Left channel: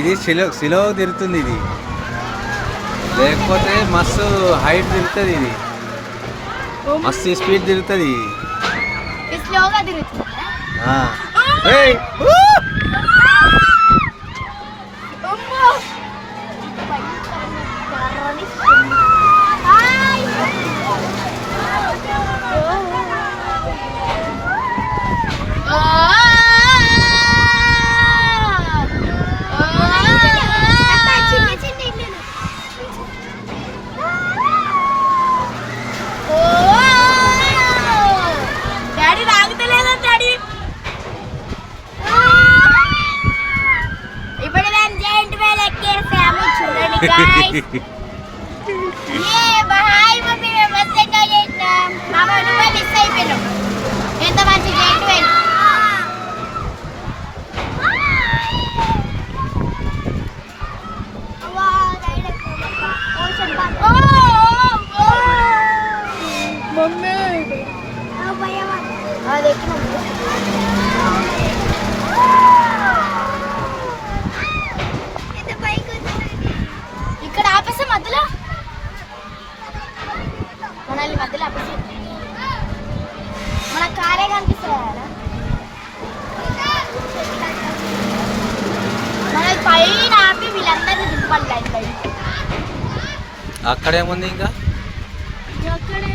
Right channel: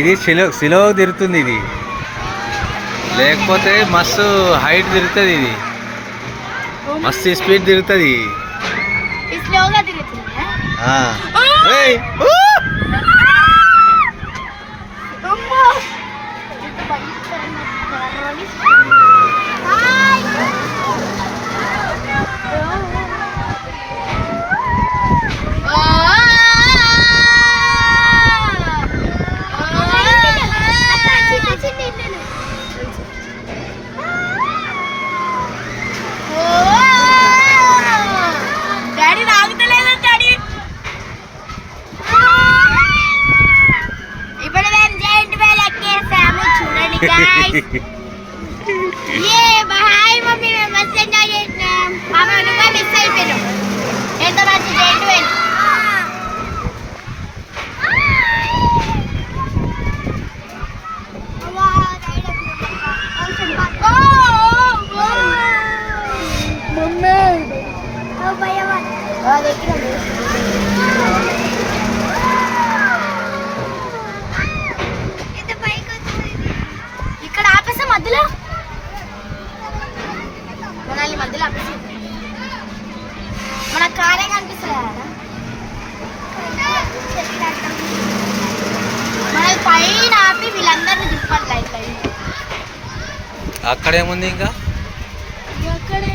ఇది స్లో తిరుగుతుంది, ఇది లేకపోతే మస్తు హైట్ తిరుగుతుంది, ఇది మస్తు స్పీడ్ తిరుగుతుంది. మమ్మీ మేము మస్తు ఎంజాయ్ చేసినాం. మామ నువ్వే మిస్ అయిపోయినాం. ఎంత మంచి జైంట్ వీల్. ఇక్కడ ఆపేసా మధ్యలో, మనల్ని మధ్యలో ఆపేసి మన కారే కనిపిస్తుంది కదా, మన పైన ఆపి వీళ్ళందరినీ దింపాలి. అక్కడేముంది ఇంకా అక్కడే